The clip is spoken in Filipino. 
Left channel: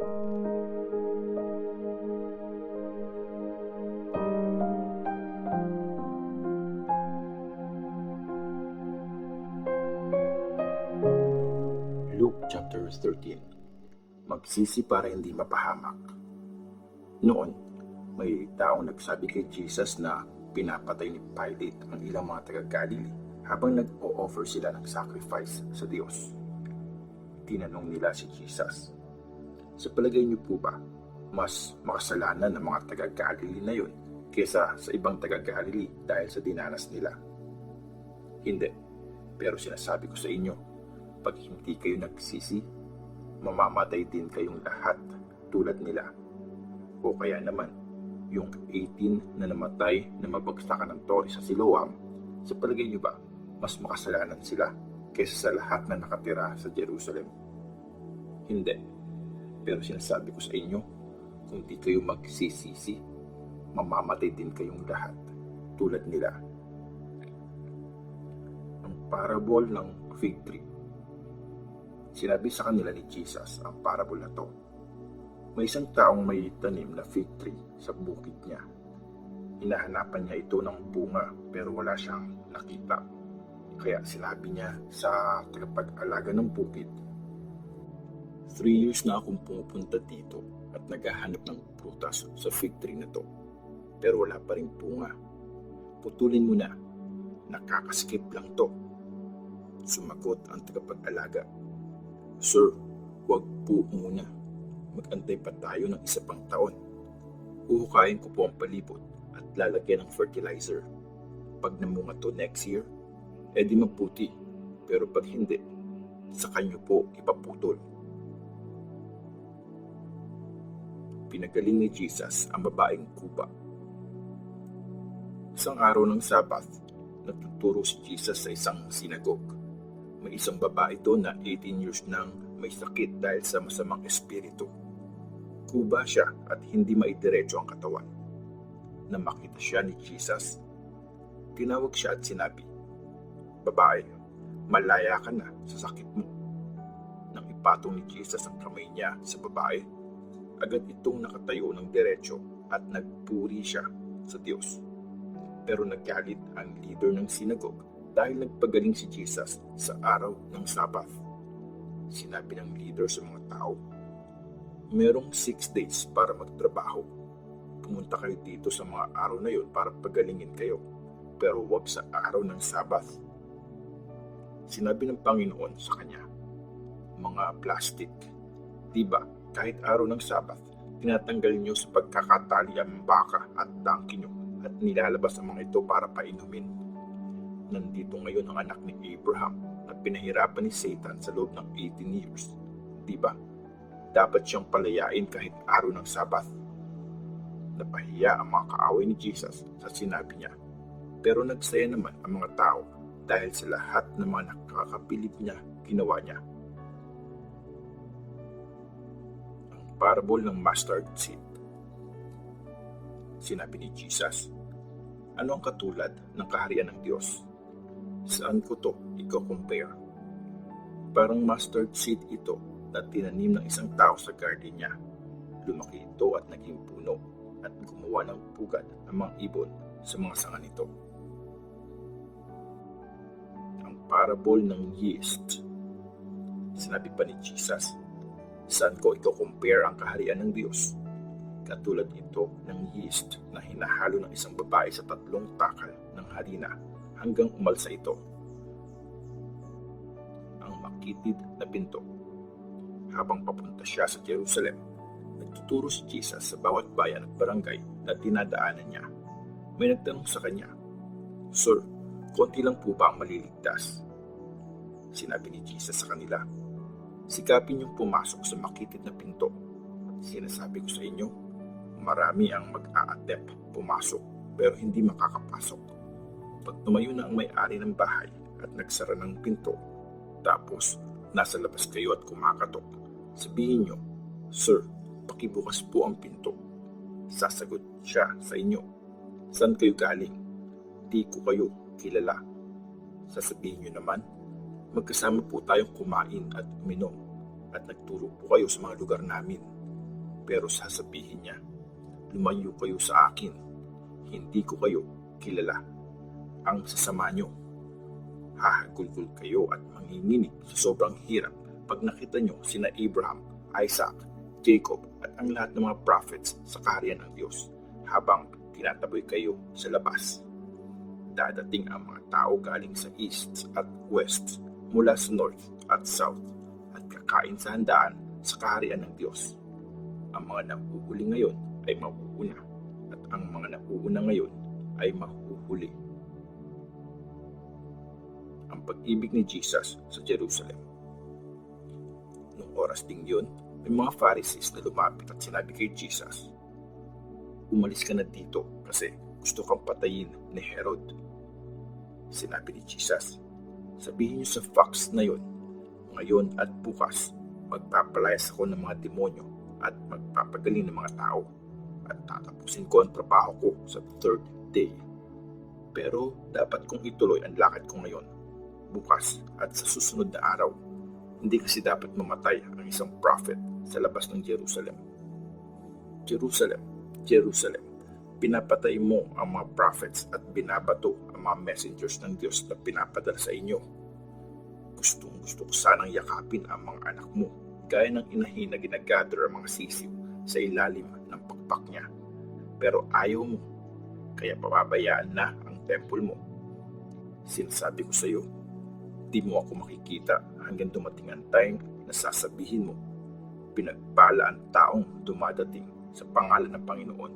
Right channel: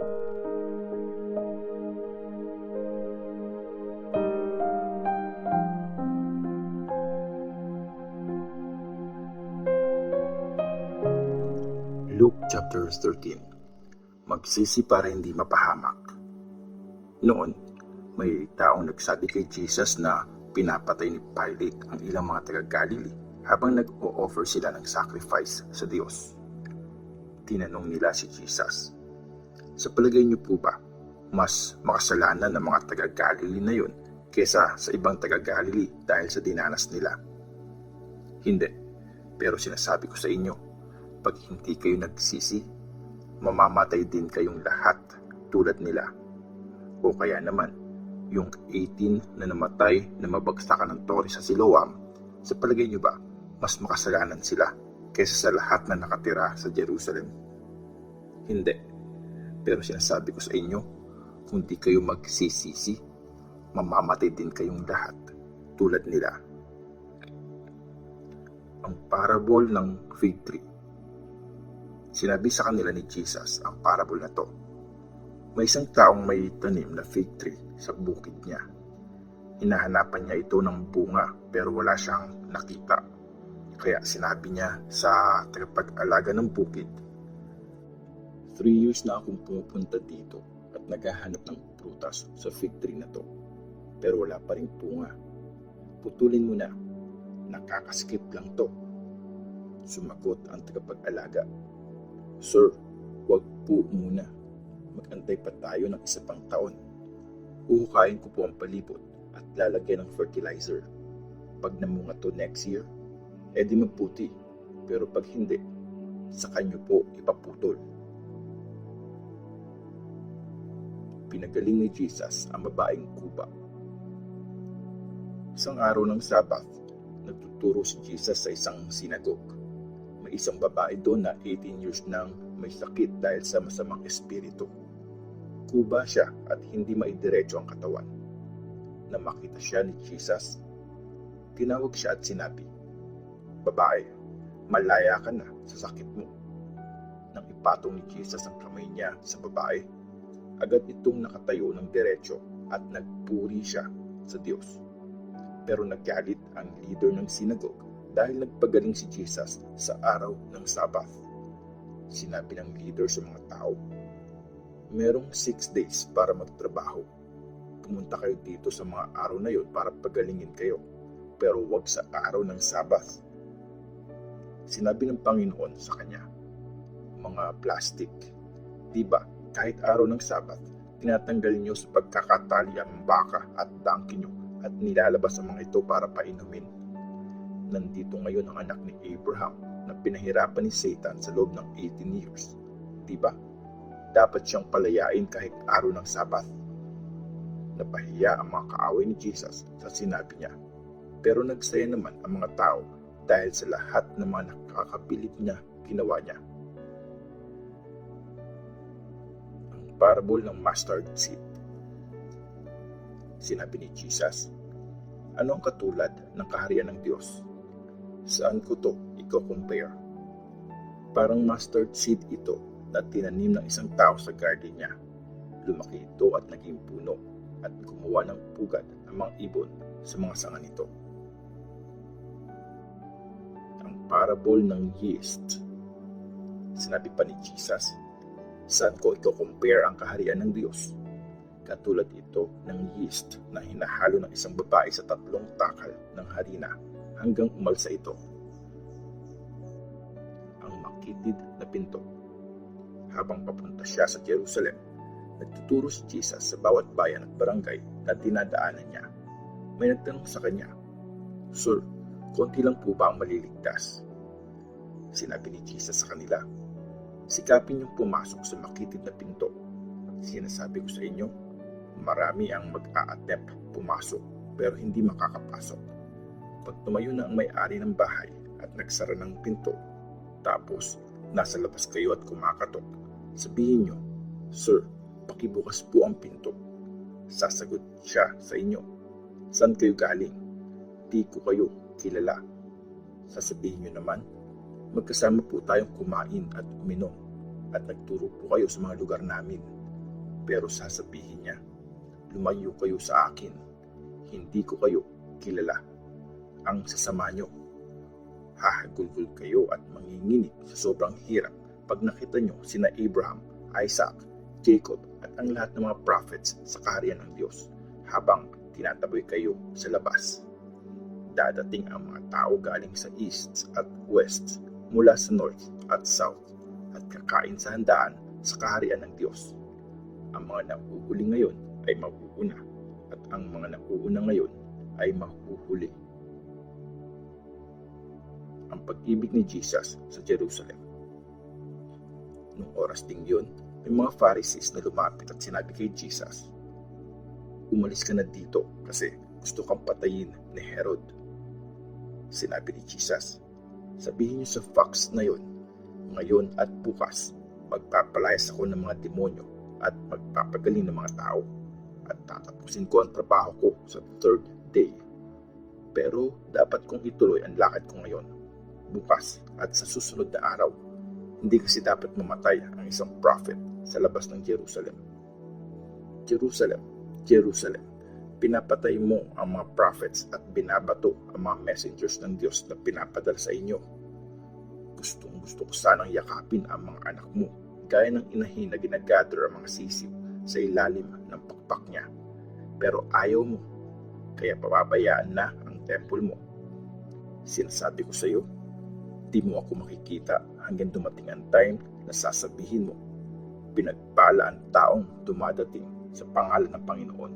Luke chapter 13. Magsisi para hindi mapahamak. Noon, may taong nagsabi kay Jesus na pinapatay ni Pilate ang ilang mga taga-Galilee habang nag-o-offer sila ng sacrifice sa Diyos. Tinanong nila si Jesus, sa palagay niyo po ba, mas makasalanan ng mga taga-Galilee na yun kesa sa ibang taga-Galilee dahil sa dinanas nila? Hindi, pero sinasabi ko sa inyo, pag hindi kayo nagsisi, mamamatay din kayong lahat tulad nila. O kaya naman, yung 18 na namatay na mabagsakan ng tore sa Siloam, sa palagay niyo ba, mas makasalanan sila kaysa sa lahat na nakatira sa Jerusalem? Hindi. Pero sinasabi ko sa inyo, kung di kayo magsisisi, mamamatay din kayong lahat tulad nila. Ang parable ng fig tree. Sinabi sa kanila ni Jesus ang parable na to. May isang taong may tanim na fig tree sa bukid niya. Hinahanapan niya ito ng bunga pero wala siyang nakita. Kaya sinabi niya sa tagapag-alaga ng bukid, 3 years na akong pumupunta dito at naghahanap ng prutas sa fig tree na to. Pero wala pa rin bunga. Putulin mo na, nakakaskip lang to. Sumagot ang tagapag-alaga, Sir, wag po muna. Mag-antay pa tayo ng isa pang taon. Uhukayin ko po ang palibot at lalagyan ng fertilizer. Pag namunga to next year, edi maputi. Pero pag hindi, sa kanyo po ipaputol. Pinagaling ni Jesus ang babaeng kuba. Isang araw ng Sabbath, nagtuturo si Jesus sa isang sinagogue. May isang babae doon na 18 years nang may sakit dahil sa masamang espiritu. Kuba siya at hindi maidiretso ang katawan. Nang makita siya ni Jesus, tinawag siya at sinabi, Babae, malaya ka na sa sakit mo. Nang ipatong ni Jesus ang kamay niya sa babae, agad itong nakatayo ng diretso at nagpuri siya sa Diyos. Pero naggalit ang leader ng sinagogue dahil nagpagaling si Jesus sa araw ng Sabbath. Sinabi ng leader sa mga tao, merong 6 days para magtrabaho. Pumunta kayo dito sa mga araw na yun para pagalingin kayo, pero huwag sa araw ng Sabbath. Sinabi ng Panginoon sa kanya, mga plastic, di ba kahit araw ng Sabbath, tinatanggal niyo sa pagkakatali ang baka at donkey niyo at nilalabas ang mga ito para painumin. Nandito ngayon ang anak ni Abraham na pinahirapan ni Satan sa loob ng 18 years. Diba? Dapat siyang palayain kahit araw ng Sabath. Napahiya ang mga kaaway ni Jesus sa sinabi niya. Pero nagsaya naman ang mga tao dahil sa lahat ng mga nakakabilib niya ginawa niya. Ang parable ng mustard seed. Sinabi ni Jesus, ano ang katulad ng kaharian ng Diyos? Saan ko to i-compare? Parang mustard seed ito na tinanim ng isang tao sa garden niya. Lumaki ito at naging puno at gumawa ng pugad ang mga ibon sa mga sanga nito. Ang parable ng yeast. Sinabi pa ni Jesus, saan ko i-compare ang kaharian ng Diyos? Katulad ito ng yeast na hinahalo ng isang babae sa 3 takal ng harina hanggang umalsa ito. Ang makitid na pinto. Habang papunta siya sa Jerusalem, nagtuturo si Jesus sa bawat bayan at barangay na dinadaanan niya. May nagtanong sa kanya, Sir, konti lang po ba ang maliligtas? Sinabi ni Jesus sa kanila, sikapin niyong pumasok sa makitid na pinto. Sinasabi ko sa inyo, marami ang mag-a-attempt pumasok pero hindi makakapasok. Pag tumayo na ang may-ari ng bahay at nagsara ng pinto, tapos nasa labas kayo at kumakatok, sabihin niyo, Sir, pakibukas po ang pinto. Sasagot siya sa inyo, saan kayo galing? Di ko kayo kilala. Sasabihin niyo naman, magkasama po tayong kumain at uminom at nagturo po kayo sa mga lugar namin. Pero sasabihin niya, lumayo kayo sa akin, hindi ko kayo kilala. Ang sasama nyo, hahagulgol kayo at manginginig sa sobrang hirap pag nakita nyo sina Abraham, Isaac, Jacob at ang lahat ng mga prophets sa kaharian ng Diyos habang tinataboy kayo sa labas. Dadating ang mga tao galing sa east at west, mula sa north at south, at kakain sa handaan sa kaharian ng Diyos. Ang mga nahuhuli ngayon ay mahuuna, at ang mga nahuuna ngayon ay mahuhuli. Ang pag-ibig ni Jesus sa Jerusalem. Noong oras ding yun, may mga Pharisees na lumapit at sinabi kay Jesus, umalis ka na dito kasi gusto kang patayin ni Herod. Sinabi ni Jesus, sabihin niyo sa fox na yon, ngayon at bukas, magpapalayas ako ng mga demonyo at magpapagaling ng mga tao at tatapusin ko ang trabaho ko sa third day. Pero dapat kong ituloy ang lakad ko ngayon, bukas at sa susunod na araw. Hindi kasi dapat mamatay ang isang prophet sa labas ng Jerusalem. Jerusalem, Jerusalem, pinapatay mo ang mga prophets at binabato ang mga messengers ng Diyos na pinapadala sa inyo. Gusto ko sanang yakapin ang mga anak mo, gaya ng inahin na ginagather ang mga sisiw sa ilalim ng pakpak niya. Pero ayaw mo, kaya pababayaan na ang temple mo. Sinasabi ko sa iyo, di mo ako makikita hanggang dumating ang time na sasabihin mo, pinagpala ang taong dumadating sa pangalan ng Panginoon.